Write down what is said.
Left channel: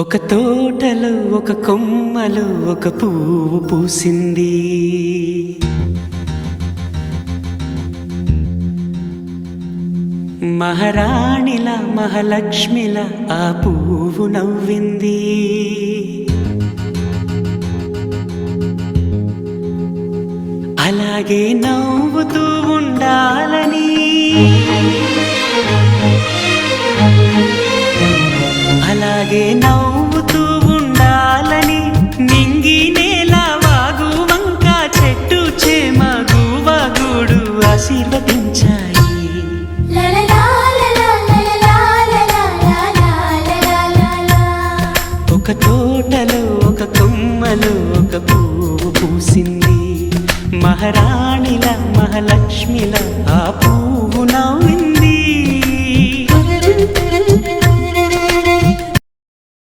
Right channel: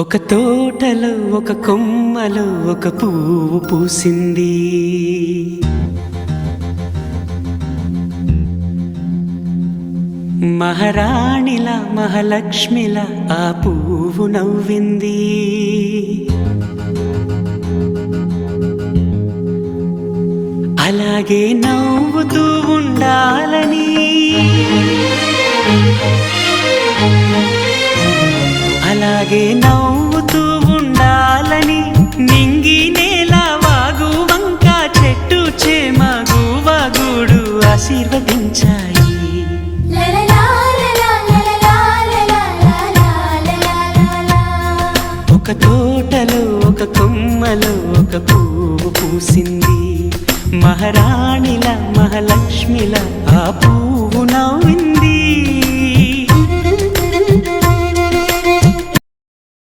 ఒక తోటలో ఒక కొమ్మలో ఒక పువ్వు పూసింది. మహారాణిలా మహాలక్ష్మిలా ఆ పువ్వు నవ్వింది. అలాగే నవ్వుతూ ఉండాలని, అలాగే నవ్వుతూ ఉండాలని నింగి నేల వాగు వంక చెట్టు చేమ గువగూడు ఆశీర్వదించాయి. ఒక తోటలో ఒక కొమ్మలో ఒక పువ్వు పూసింది. మహారాణిలా మహాలక్ష్మిలా ఆ పువ్వు నవ్వింది.